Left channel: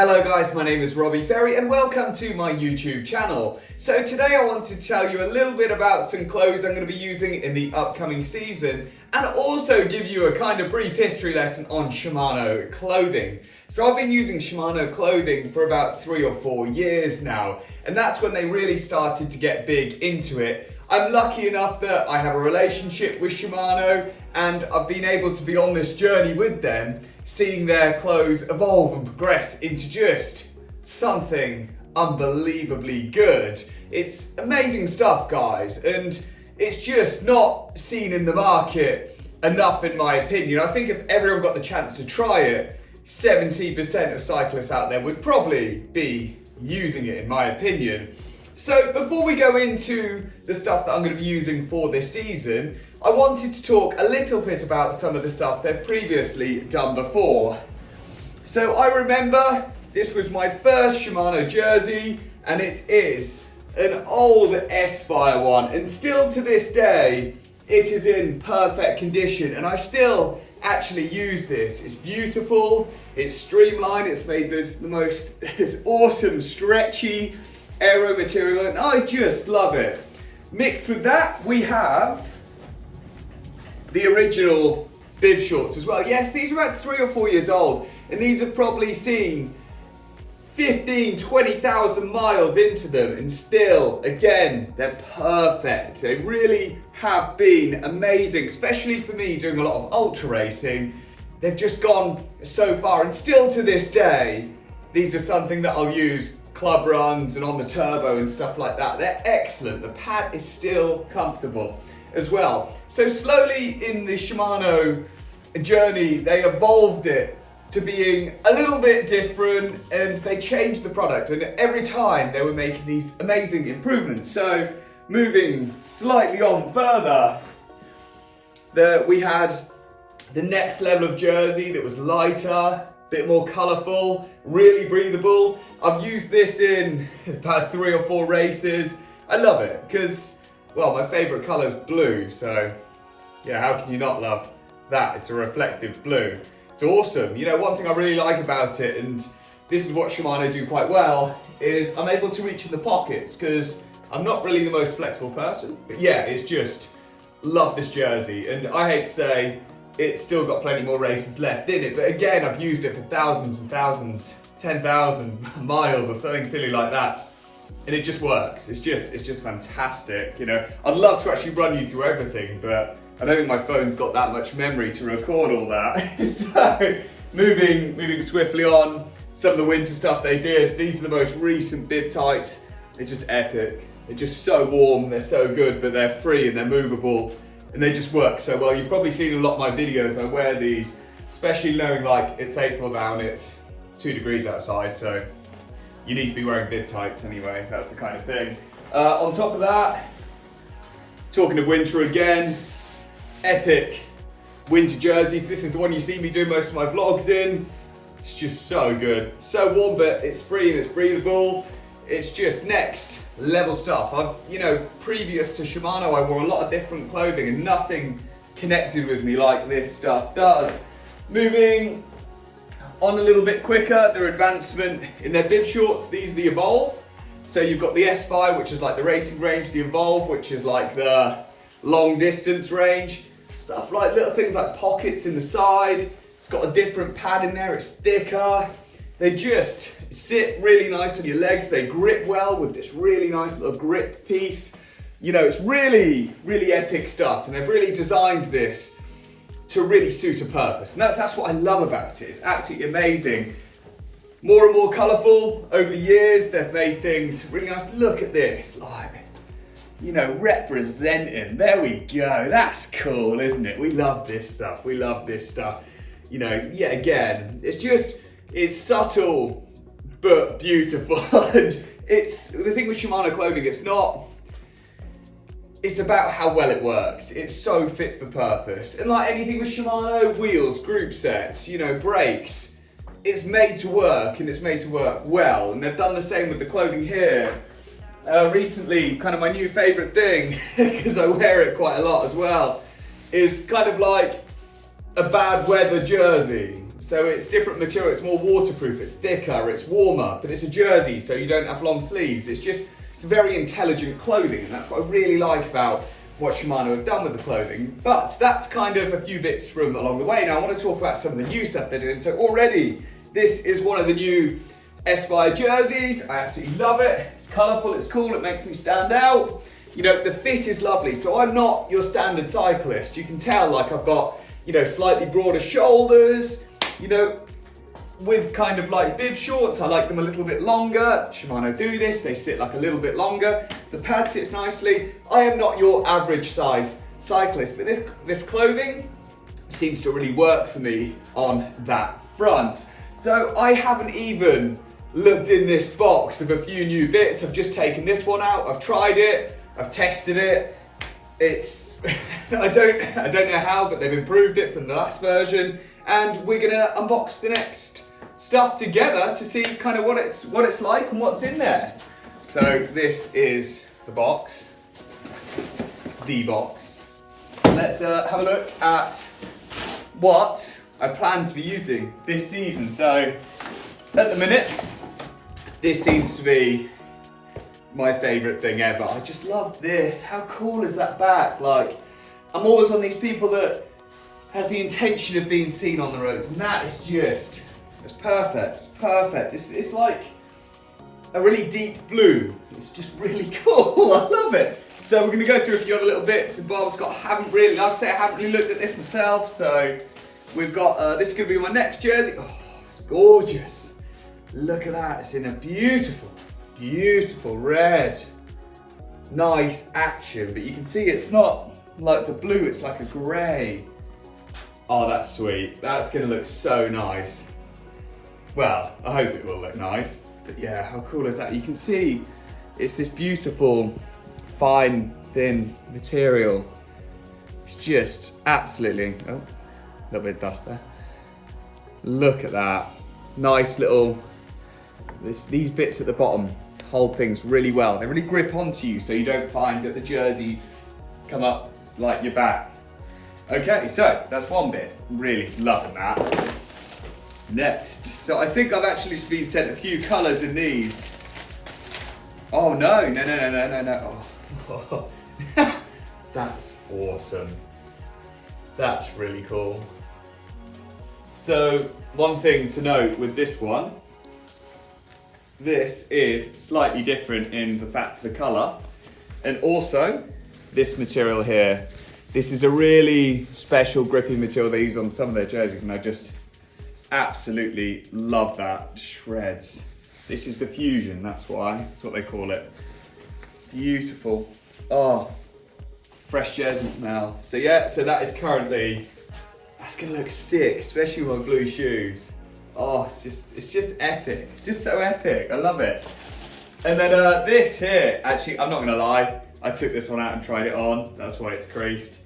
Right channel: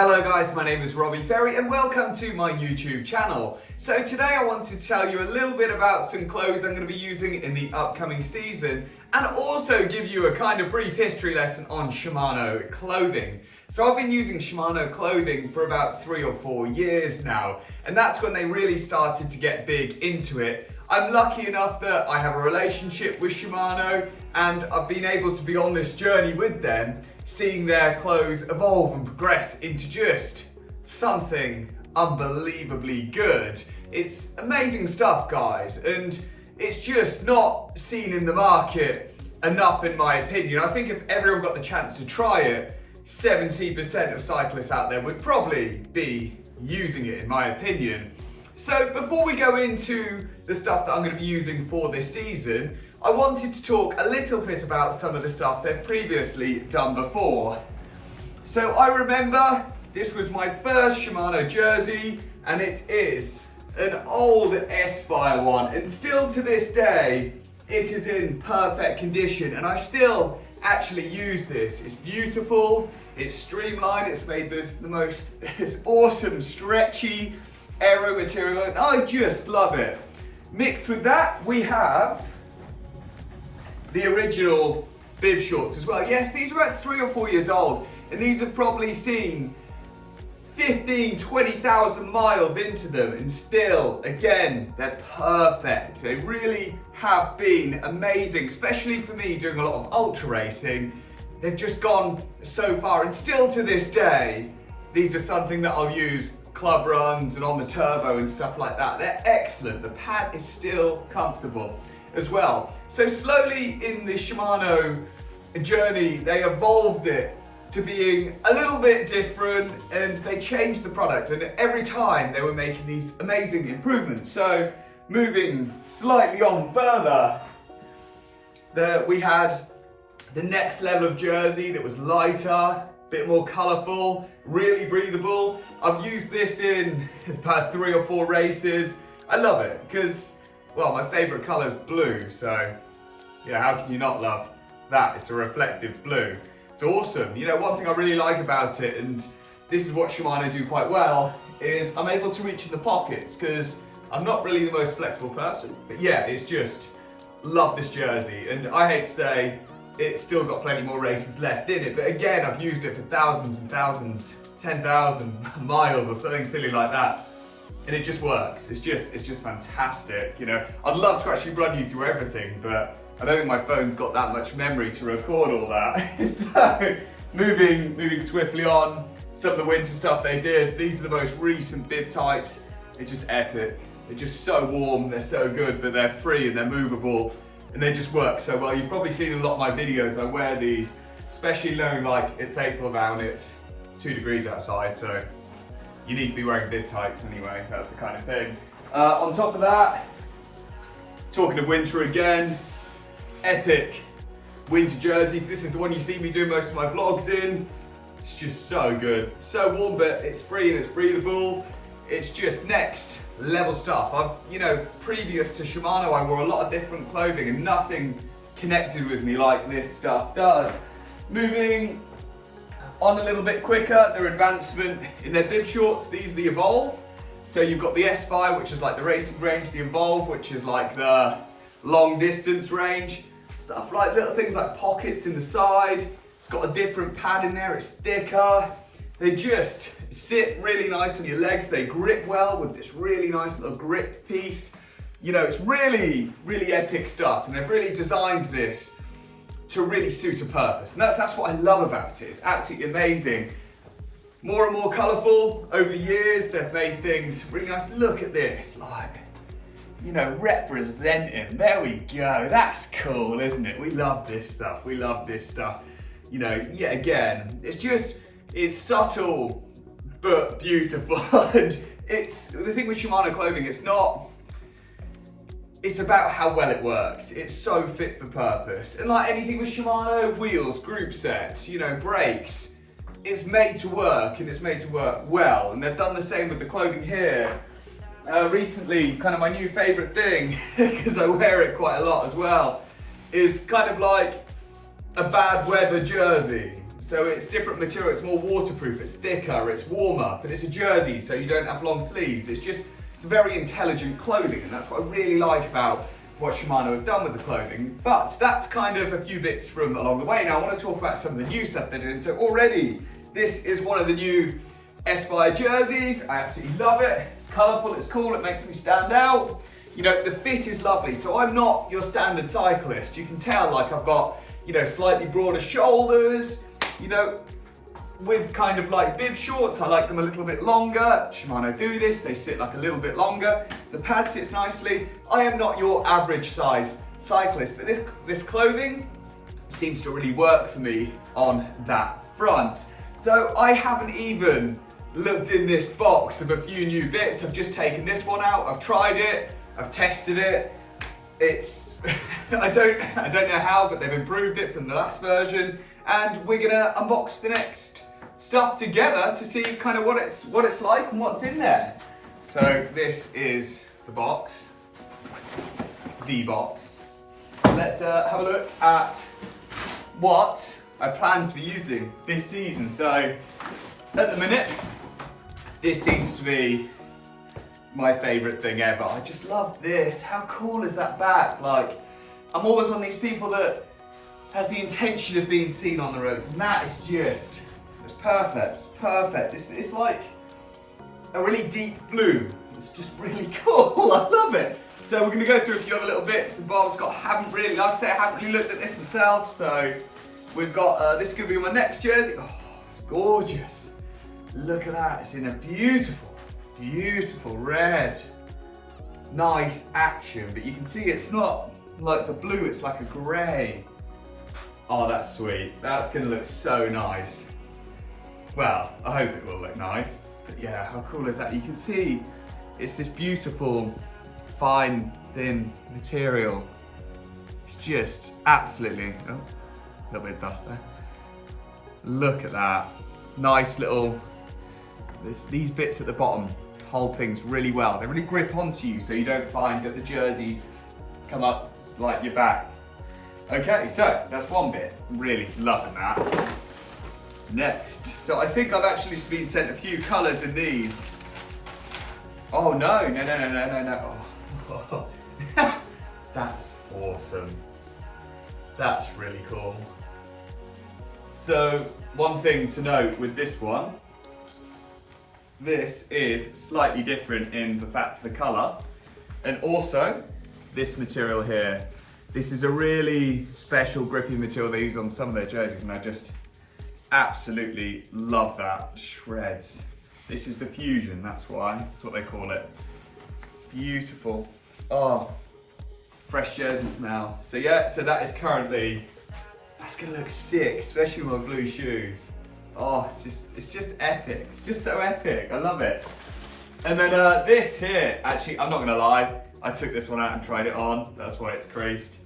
Hello guys, my name is Robbie Ferry and welcome to my YouTube channel. So today I want to tell you a little bit about some clothes I'm going to be using in the upcoming season and also give you a kind of brief history lesson on Shimano Clothing. So I've been using Shimano Clothing for about 3 or 4 years now, and that's when they really started to get big into it. I'm lucky enough that I have a relationship with Shimano and I've been able to be on this journey with them, seeing their clothes evolve and progress into just something unbelievably good. It's amazing stuff, guys, and it's just not seen in the market enough in my opinion. I think if everyone got the chance to try it, 70% of cyclists out there would probably be using it in my opinion. So before we go into the stuff that I'm going to be using for this season, I wanted to talk a little bit about some of the stuff they've previously done before. So I remember this was my first Shimano jersey, and it is an old S-Fire one, and still to this day it is in perfect condition and I still actually use this. It's beautiful, it's streamlined, it's made the most this awesome stretchy aero material, and I just love it. Mixed with that, we have the original bib shorts as well. Yes, these are about 3 or 4 years old, and these have probably seen 20,000 miles into them, and still, again, they're perfect. They really have been amazing, especially for me doing a lot of ultra racing. They've just gone so far, and still to this day, these are something that I'll use club runs and on the turbo and stuff like that. They're excellent. The pad is still comfortable as well. So slowly in the Shimano journey, they evolved it to being a little bit different, and they changed the product, and every time they were making these amazing improvements. So moving slightly on further, we had the next level of jersey that was lighter, bit more colourful, really breathable. I've used this in about 3 or 4 races. I love it because, well, my favourite colour is blue, so yeah, how can you not love that? It's a reflective blue. It's awesome. You know, one thing I really like about it, and this is what Shimano do quite well, is I'm able to reach in the pockets because I'm not really the most flexible person. But yeah, it's just, love this jersey, and I hate to say, it's still got plenty more races left in it, but again, I've used it for thousands and thousands, 10,000 miles or something silly like that, and it just works. It's just fantastic. You know, I'd love to actually run you through everything, but I don't think my phone's got that much memory to record all that. So moving swiftly on, some of the winter stuff they did. These are the most recent bib tights. They're just epic. They're just so warm, they're so good, but they're free and they're movable. And they just work so well. You've probably seen a lot of my videos, I wear these, especially knowing like it's April now and it's 2 degrees outside, so you need to be wearing bib tights anyway, that's the kind of thing. On top of that, talking of winter again, epic winter jerseys. This is the one you see me do most of my vlogs in. It's just so good, so warm, but it's free and it's breathable. It's just next level stuff. You know, previous to Shimano, I wore a lot of different clothing and nothing connected with me like this stuff does. Moving on a little bit quicker, their advancement in their bib shorts. These are the Evolve. So you've got the S-Fire, which is like the racing range, the Evolve, which is like the long distance range. Stuff like little things like pockets in the side. It's got a different pad in there, it's thicker. They just sit really nice on your legs. They grip well with this really nice little grip piece. You know, it's really, really epic stuff, and they've really designed this to really suit a purpose. And that's what I love about it. It's absolutely amazing. More and more colourful over the years. They've made things really nice. Look at this, like, you know, representing. There we go. That's cool, isn't it? We love this stuff. We love this stuff. You know, yet again, it's subtle but beautiful. And it's the thing with Shimano Clothing, it's about how well it works. It's so fit for purpose. And like anything with Shimano, wheels, group sets, you know, brakes, it's made to work, and it's made to work well. And they've done the same with the clothing here. Recently, kind of my new favorite thing, because I wear it quite a lot as well, is kind of like a bad weather jersey. So it's different material, it's more waterproof, it's thicker, it's warmer, but it's a jersey, so you don't have long sleeves. It's very intelligent clothing, and that's what I really like about what Shimano have done with the clothing. But that's kind of a few bits from along the way. Now I want to talk about some of the new stuff they're doing. So already, this is one of the new S-Fire jerseys. I absolutely love it. It's colourful, it's cool, it makes me stand out. You know, the fit is lovely. So I'm not your standard cyclist. You can tell, like, I've got, you know, slightly broader shoulders, you know, with kind of like bib shorts. I like them a little bit longer. Shimano do this, they sit like a little bit longer. The pad sits nicely. I am not your average size cyclist, but this clothing seems to really work for me on that front. So I haven't even looked in this box of a few new bits. I've just taken this one out, I've tried it, I've tested it. It's, I don't know how, but they've improved it from the last version, and we're gonna unbox the next stuff together to see kind of what it's like and what's in there. So this is the box. Let's have a look at what I plan to be using this season. So at the minute, this seems to be my favourite thing ever. I just love this. How cool is that back? Like, I'm always one of these people that has the intention of being seen on the roads, and that is just, it's perfect, perfect. It's like a really deep blue. It's just really cool, I love it. So we're gonna go through a few other little bits and bobs. Like I haven't really looked at this myself, so we've got, this is gonna be my next jersey. Oh, it's gorgeous. Look at that, it's in a beautiful, beautiful red. Nice action, but you can see it's not like the blue, it's like a grey. Oh, that's sweet. That's gonna look so nice. Well, I hope it will look nice. But yeah, how cool is that? You can see it's this beautiful, fine, thin material. It's just absolutely, oh, a little bit of dust there. Look at that. Nice little, these bits at the bottom hold things really well. They really grip onto you so you don't find that the jerseys come up like your back. Okay, so that's one bit. Really loving that. Next, so I think I've actually been sent a few colours in these. Oh no. Oh. That's awesome. That's really cool. So one thing to note with this one, this is slightly different in the fact the colour, and also this material here. This is a really special gripping material they use on some of their jerseys, and I just absolutely love that. Shreds. This is the Fusion, that's why. That's what they call it. Beautiful. Oh, fresh jersey smell. So yeah, so that is currently, that's gonna look sick, especially with my blue shoes. Oh, it's just epic. It's just so epic. I love it. And then this here, actually, I'm not gonna lie, I took this one out and tried it on. That's why it's creased.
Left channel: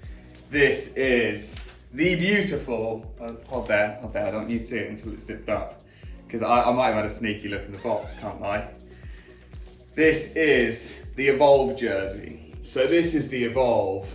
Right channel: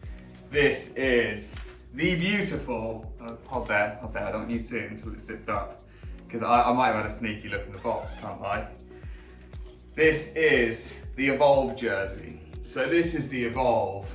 This is the beautiful, hold there, I don't want you to see it until it's zipped up, because I might have had a sneaky look in the box, can't lie. This is the Evolve jersey. So this is the Evolve.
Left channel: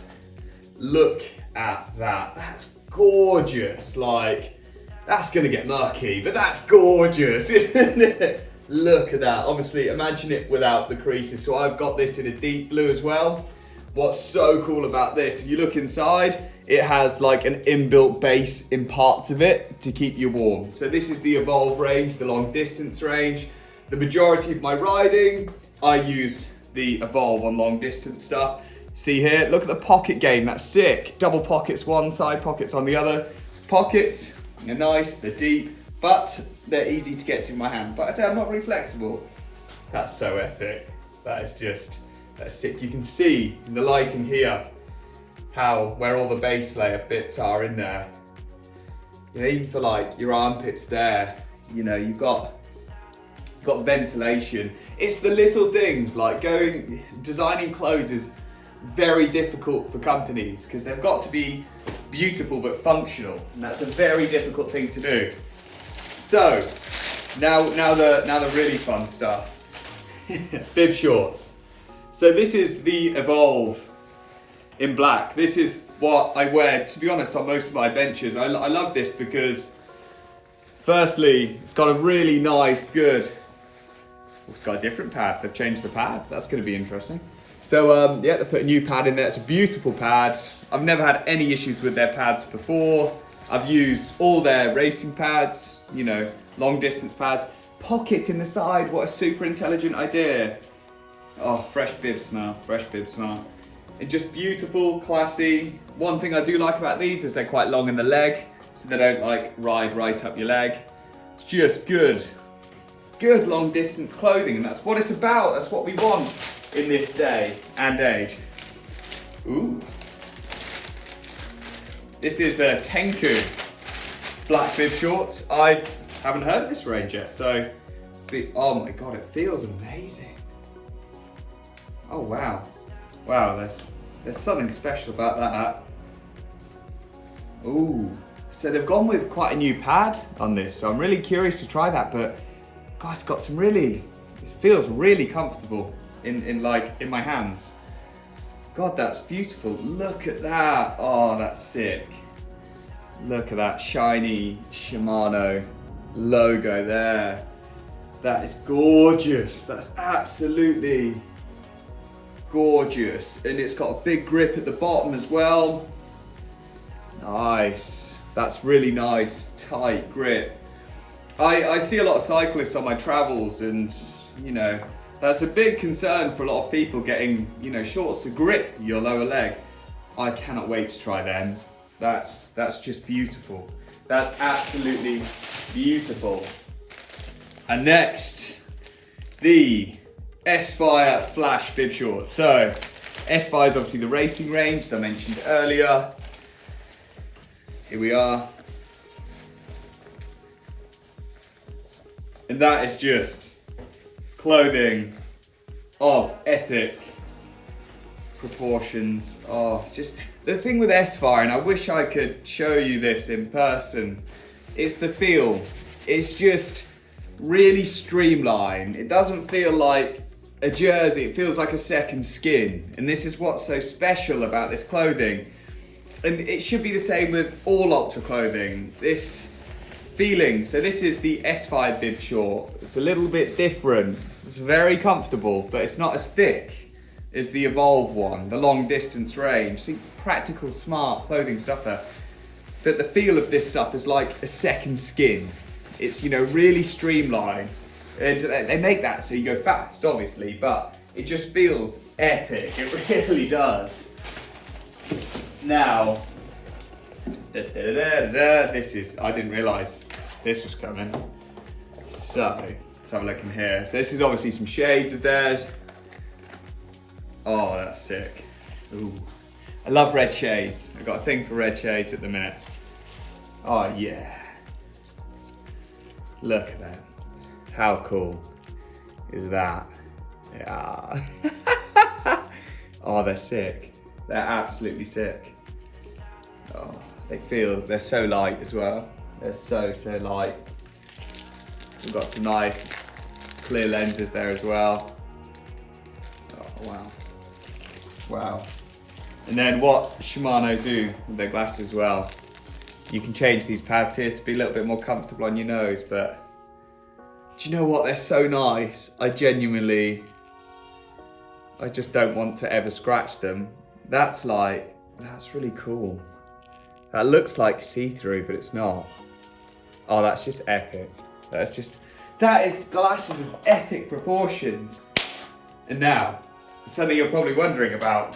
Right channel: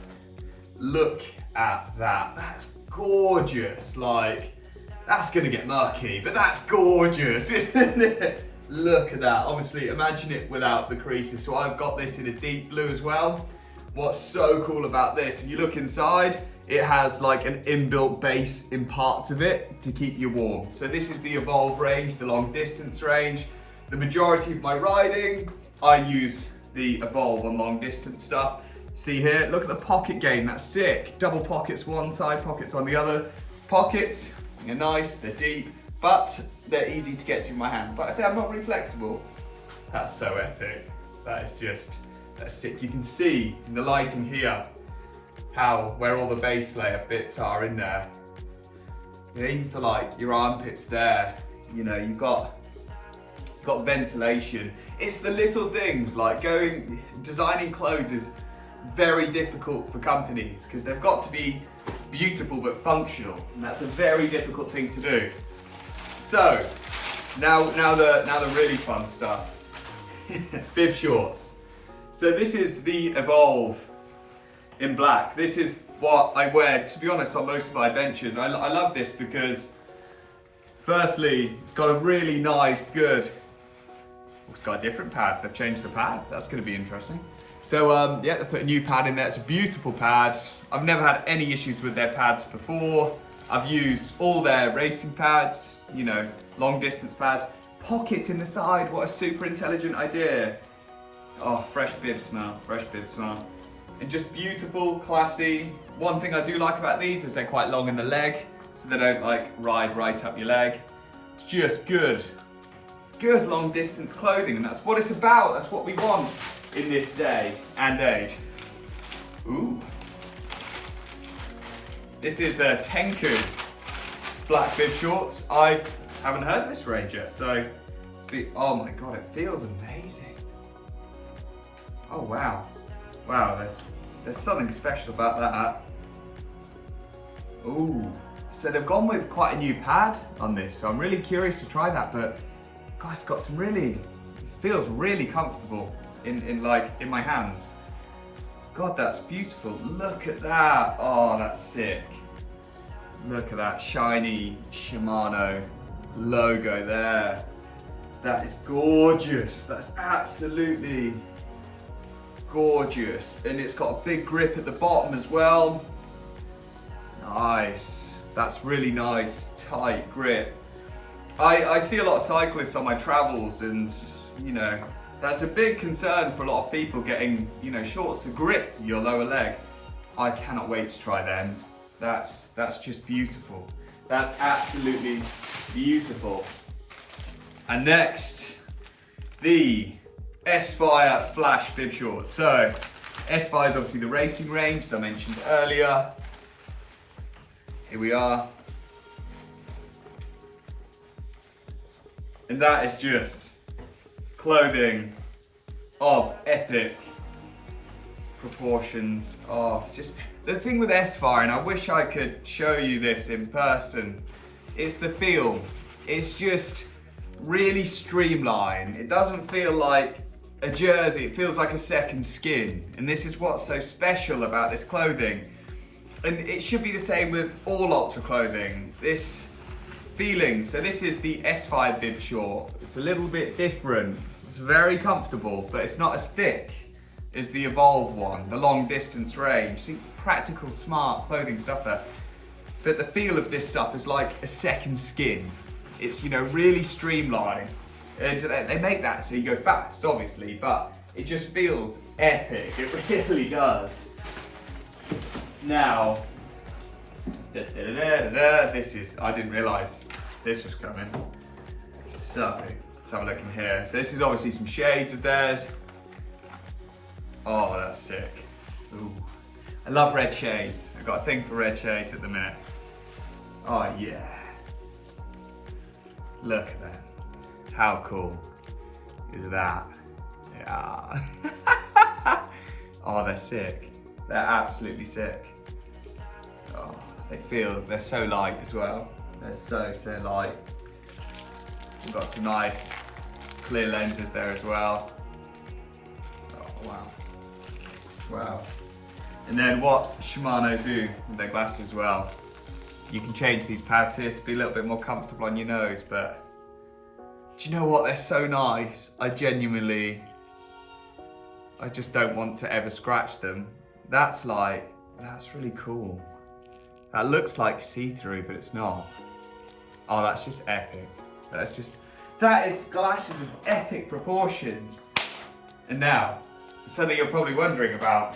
Look at that, that's gorgeous. Like, that's gonna get murky, but that's gorgeous, isn't it? Look at that. Obviously, imagine it without the creases. So I've got this in a deep blue as well. What's so cool about this, if you look inside, it has like an inbuilt base in parts of it to keep you warm. So this is the Evolve range, the long distance range. The majority of my riding, I use the Evolve on long distance stuff. See here, look at the pocket game, that's sick. Double pockets one side, pockets on the other. Pockets, they're nice, they're deep, but they're easy to get to in my hands. Like I say, I'm not really flexible. That's so epic. That is just, that's sick. You can see in the lighting here where all the base layer bits are in there. You know, even for like your armpits there, you know, you've got ventilation. It's the little things like designing clothes is very difficult for companies because they've got to be beautiful but functional, and that's a very difficult thing to do. So now the really fun stuff. Bib shorts. So this is the Evolve in black. This is what I wear, to be honest, on most of my adventures. I love this because Firstly, it's got a really nice, good, it's got a different pad. They've changed the pad. That's going to be interesting. So yeah, they put a new pad in there. It's a beautiful pad. I've never had any issues with their pads before. I've used all their racing pads, you know, long distance pads. Pocket in the side, what a super intelligent idea. Oh, fresh bib smell, fresh bib smell. And just beautiful, classy. One thing I do like about these is they're quite long in the leg, so they don't like ride right up your leg. It's just good. Good long distance clothing, and that's what it's about. That's what we want in this day and age. Ooh. This is the Tenku black bib shorts. I haven't heard of this range yet, so oh my God, it feels amazing. Oh wow. Wow, there's something special about that. Ooh. So they've gone with quite a new pad on this, so I'm really curious to try that, but God, it's got some really, it feels really comfortable in my hands. God, that's beautiful. Look at that. Oh, that's sick. Look at that shiny Shimano logo there. That is gorgeous. That's absolutely gorgeous. And it's got a big grip at the bottom as well. Nice. That's really nice, tight grip. I see a lot of cyclists on my travels, and you know, that's a big concern for a lot of people, getting, you know, shorts to grip your lower leg. I cannot wait to try them. That's just beautiful. That's absolutely beautiful. And next, the S-Fire Flash bib shorts. So, S-Fire is obviously the racing range, as I mentioned earlier. Here we are. And that is just clothing of epic proportions. Oh, it's just the thing with S-Fire, and I wish I could show you this in person, it's the feel. It's just really streamlined. It doesn't feel like a jersey, it feels like a second skin. And this is what's so special about this clothing. And it should be the same with all ultra clothing. This feeling, so this is the S-Fire bib short. It's a little bit different. It's very comfortable, but it's not as thick as the Evolve one, the long distance range. See, practical, smart clothing stuff there. But the feel of this stuff is like a second skin. It's, you know, really streamlined. And they make that so you go fast, obviously, but it just feels epic. It really does. Now, this is, I didn't realise this was coming. So, let's have a look in here. So this is obviously some shades of theirs. Oh, that's sick. Ooh. I love red shades. I've got a thing for red shades at the minute. Oh yeah. Look at that. How cool is that? Yeah. Oh, they're sick. They're absolutely sick. Oh, they're so light as well. They're so light. We've got some nice clear lenses there as well. Oh, wow. Wow. And then what Shimano do with their glasses as well, you can change these pads here to be a little bit more comfortable on your nose, but do you know what? They're so nice. I just don't want to ever scratch them. That's really cool. That looks like see-through, but it's not. Oh, that's just epic. That is glasses of epic proportions. And now, something you're probably wondering about,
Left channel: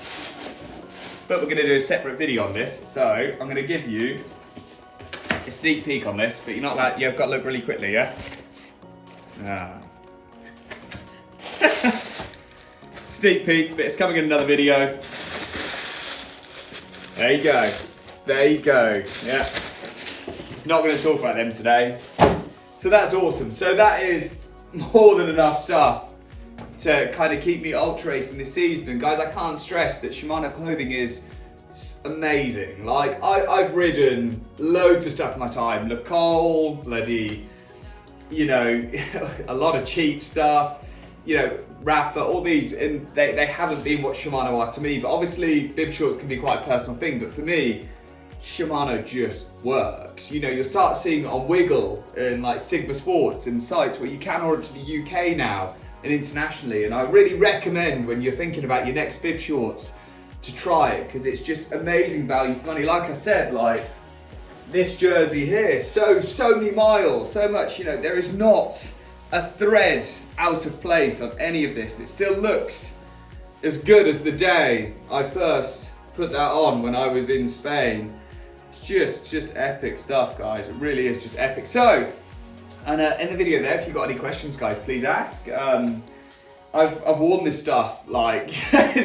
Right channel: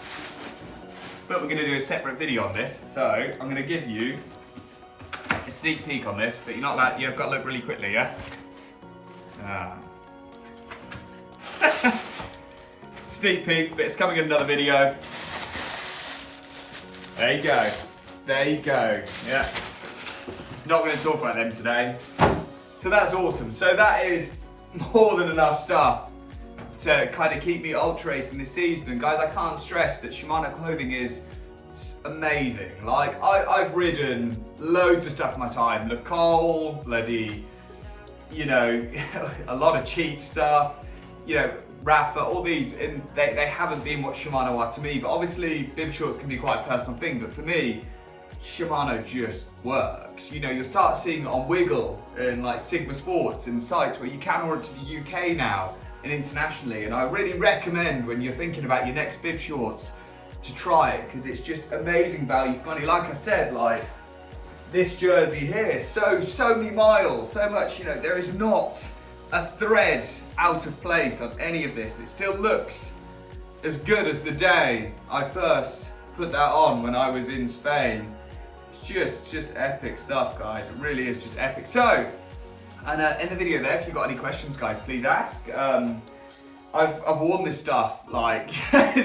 but we're gonna do a separate video on this. So I'm gonna give you a sneak peek on this, but you're not like, you've got to look really quickly, yeah? Sneak peek, but it's coming in another video. There you go. There you go. Yeah. Not going to talk about them today. So that's awesome. So that is more than enough stuff to kind of keep me ultra racing this season. And guys, I can't stress that Shimano Clothing is amazing. Like, I've ridden loads of stuff in my time. Le Col, bloody, you know, a lot of cheap stuff, you know, Rafa, all these, and they haven't been what Shimano are to me. But obviously, bib shorts can be quite a personal thing. But for me, Shimano just works. You know, you'll start seeing it on Wiggle and like Sigma Sports and sites where you can order to the UK now and internationally. And I really recommend when you're thinking about your next bib shorts to try it, because it's just amazing value for money. Like I said, like this jersey here, so many miles, so much, you know, there is not a thread out of place on any of this. It still looks as good as the day I first put that on when I was in Spain. It's just epic stuff, guys. It really is just epic. So, and in the video there, if you've got any questions, guys, please ask. I've worn this stuff like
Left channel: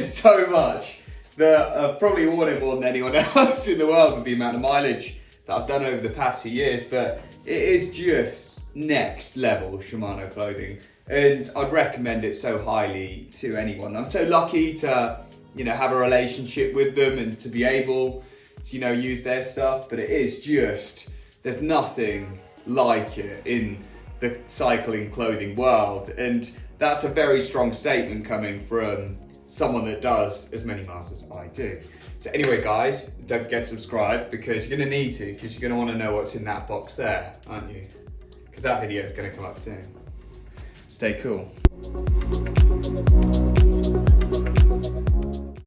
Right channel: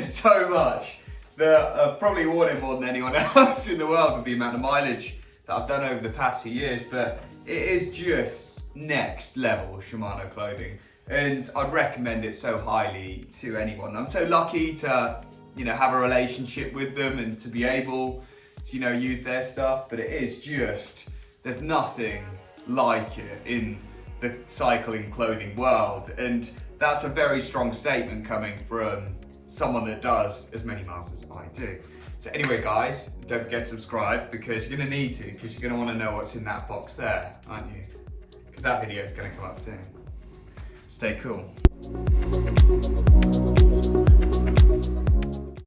so much that I've probably worn it more than anyone else in the world with the amount of mileage that I've done over the past few years. But it is just next level Shimano clothing, and I'd recommend it so highly to anyone. I'm so lucky to, you know, have a relationship with them and to be able to, you know, use their stuff. But it is just, there's nothing like it in the cycling clothing world, and that's a very strong statement coming from someone that does as many miles as I do. So anyway, guys, don't forget to subscribe, because you're gonna need to, because you're gonna want to know what's in that box there, aren't you? Because that video is gonna come up soon. Stay cool.